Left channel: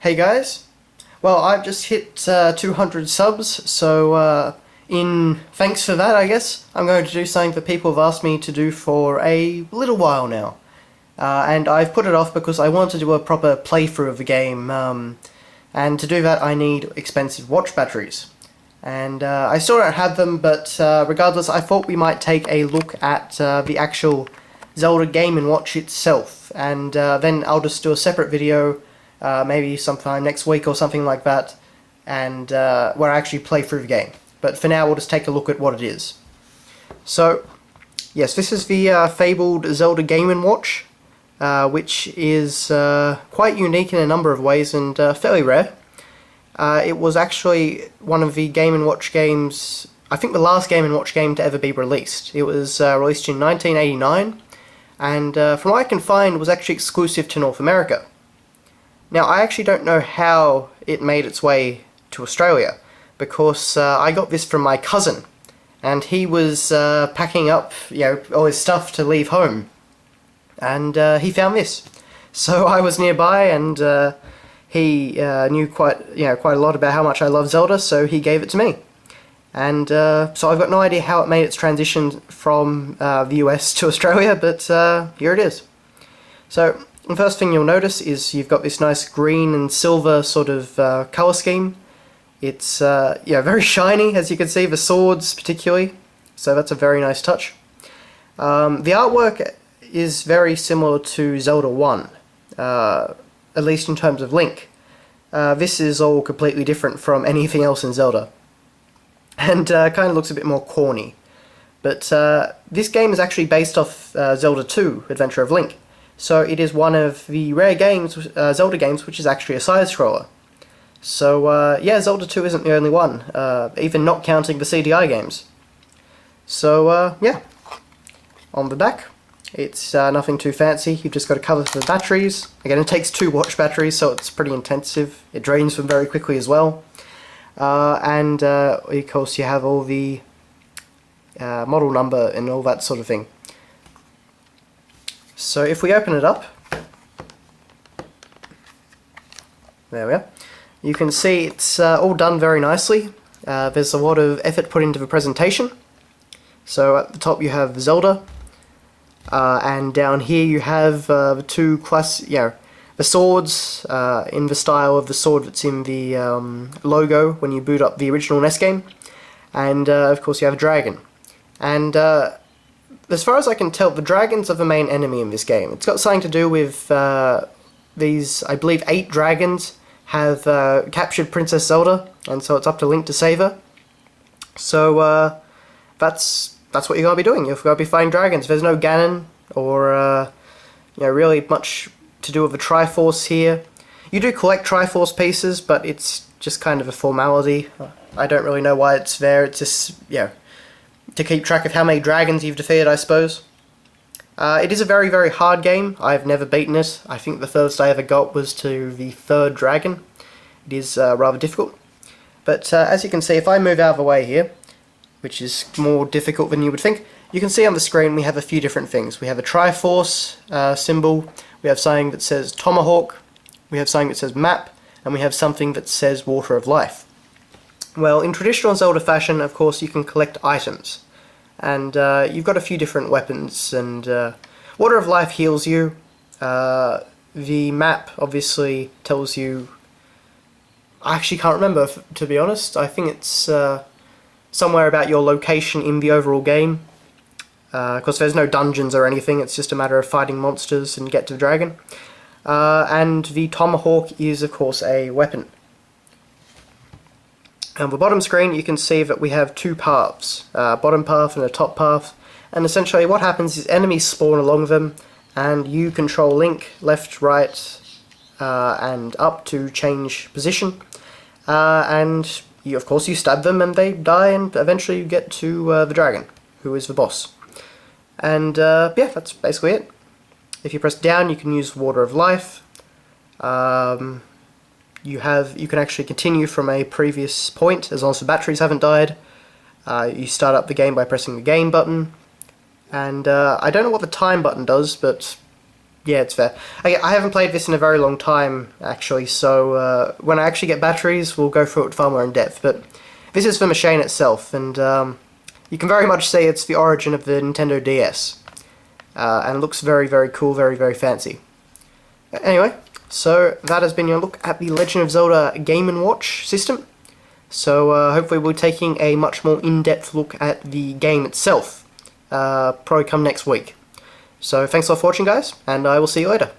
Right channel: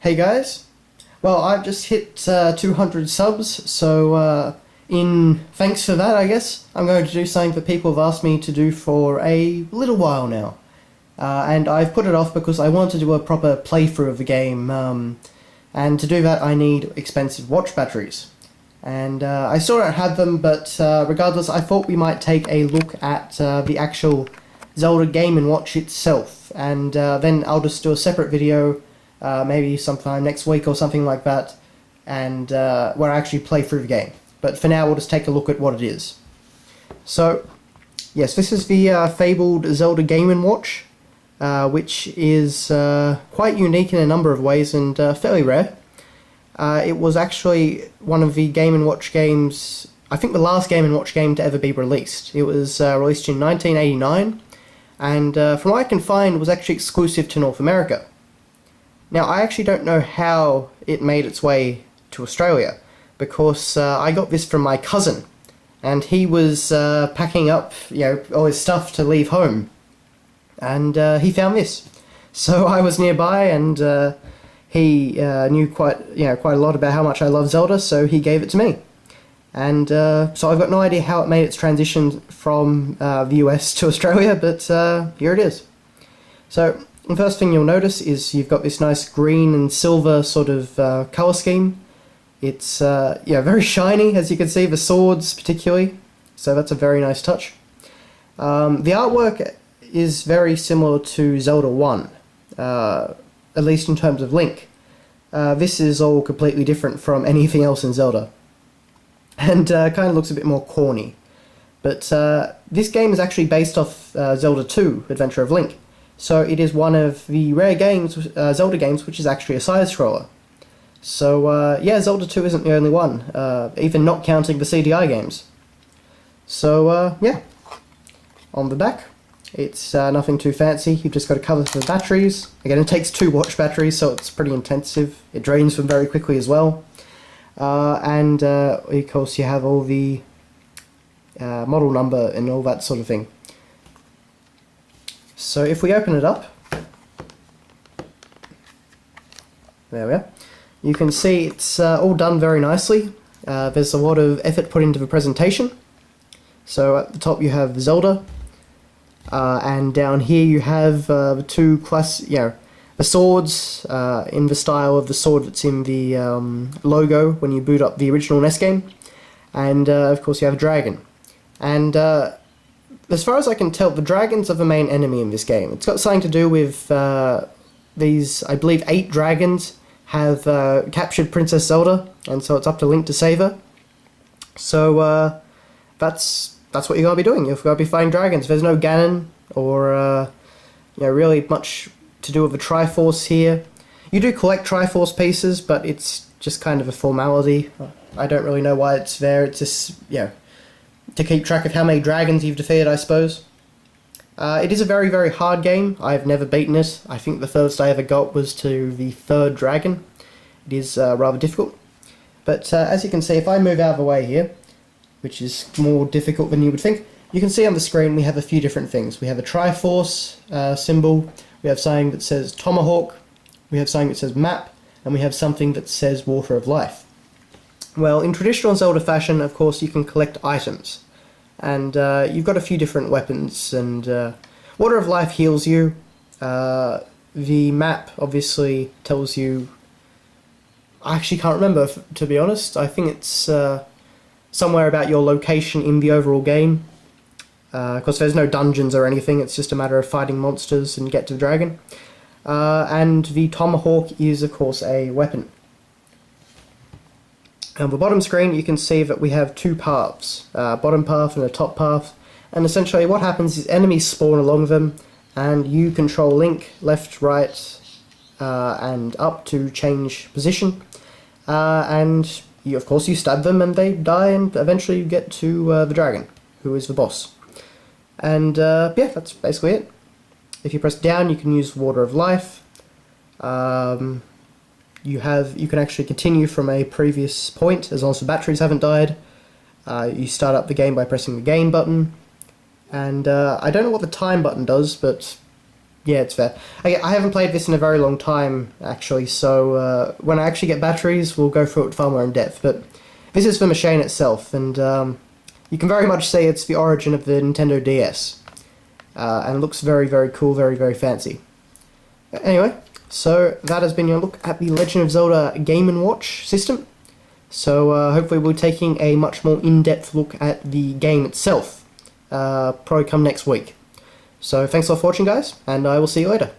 Hey guys, well I've just hit 200 subs, so in thanks for that I guess, I'm going to do something that people have asked me to do for a little while now. And I've put it off because I want to do a proper playthrough of the game, and to do that I need expensive watch batteries. And I still don't have them, but regardless I thought we might take a look at the actual Zelda Game & Watch itself, and then I'll just do a separate video maybe sometime next week or something like that, and where I actually play through the game. But for now, we'll just take a look at what it is. So, yes, this is the fabled Zelda Game & Watch, which is quite unique in a number of ways and fairly rare. It was actually one of the Game & Watch games, I think the last Game & Watch game to ever be released. It was released in 1989, and from what I can find, was actually exclusive to North America. Now, I actually don't know how it made its way to Australia, because I got this from my cousin, and he was packing up, all his stuff to leave home, and he found this. So I was nearby, and he knew quite a lot about how much I love Zelda, so he gave it to me. And so I've got no idea how it made its transition from the US to Australia, but here it is. So, the first thing you'll notice is you've got this nice green and silver sort of colour scheme. It's very shiny, as you can see, the swords particularly, so that's a very nice touch. The artwork is very similar to Zelda 1, at least in terms of Link. This is all completely different from anything else in Zelda, and kind of looks a bit more corny. But this game is actually based off Zelda 2, Adventure of Link. So it is one of the rare games, Zelda games, which is actually a side-scroller. So yeah, Zelda 2 isn't the only one, even not counting the CDI games. So yeah, on the back, it's nothing too fancy. You've just got to cover for the batteries. Again, it takes 2 watch batteries, so it's pretty intensive. It drains them very quickly as well. And of course you have all the model number and all that sort of thing. So if we open it up, there we are, you can see it's all done very nicely. There's a lot of effort put into the presentation. So at the top you have Zelda, and down here you have the two the swords in the style of the sword that's in the logo when you boot up the original NES game, and of course you have a dragon. And as far as I can tell, the dragons are the main enemy in this game. It's got something to do with these, I believe, 8 dragons have captured Princess Zelda, and so it's up to Link to save her. So that's what you're going to be doing. You've got to be fighting dragons. There's no Ganon or really much to do with the Triforce here. You do collect Triforce pieces, but it's just kind of a formality. I don't really know why it's there. It's just, to keep track of how many dragons you've defeated, I suppose. It is a very, very hard game. I've never beaten it. I think the furthest I ever got was to the 3rd dragon. It is rather difficult. But as you can see, if I move out of the way here, which is more difficult than you would think, you can see on the screen we have a few different things. We have a Triforce symbol, we have something that says Tomahawk, we have something that says Map, and we have something that says Water of Life. Well, in traditional Zelda fashion, of course, you can collect items. And you've got a few different weapons, and Water of Life heals you. The map obviously tells you... I actually can't remember, to be honest. I think it's somewhere about your location in the overall game. Because there's no dungeons or anything, it's just a matter of fighting monsters and get to the dragon. And the Tomahawk is, of course, a weapon. On the bottom screen you can see that we have 2 paths, a bottom path and a top path, and essentially what happens is enemies spawn along them, and you control Link left, right, and up to change position, and of course you stab them and they die, and eventually you get to the dragon, who is the boss. And yeah, that's basically it. If you press down you can use Water of Life. You can actually continue from a previous point as long as the batteries haven't died. You start up the game by pressing the game button, and I don't know what the time button does, but Yeah, it's fair. I haven't played this in a very long time, actually, so when I actually get batteries, we'll go through it far more in depth. But this is the machine itself, and you can very much say it's the origin of the Nintendo DS. And it looks very, very cool, very, very fancy. Anyway, so that has been your look at the Legend of Zelda Game & Watch system. So hopefully we'll be taking a much more in-depth look at the game itself, probably come next week. So thanks a lot for watching, guys, and I will see you later.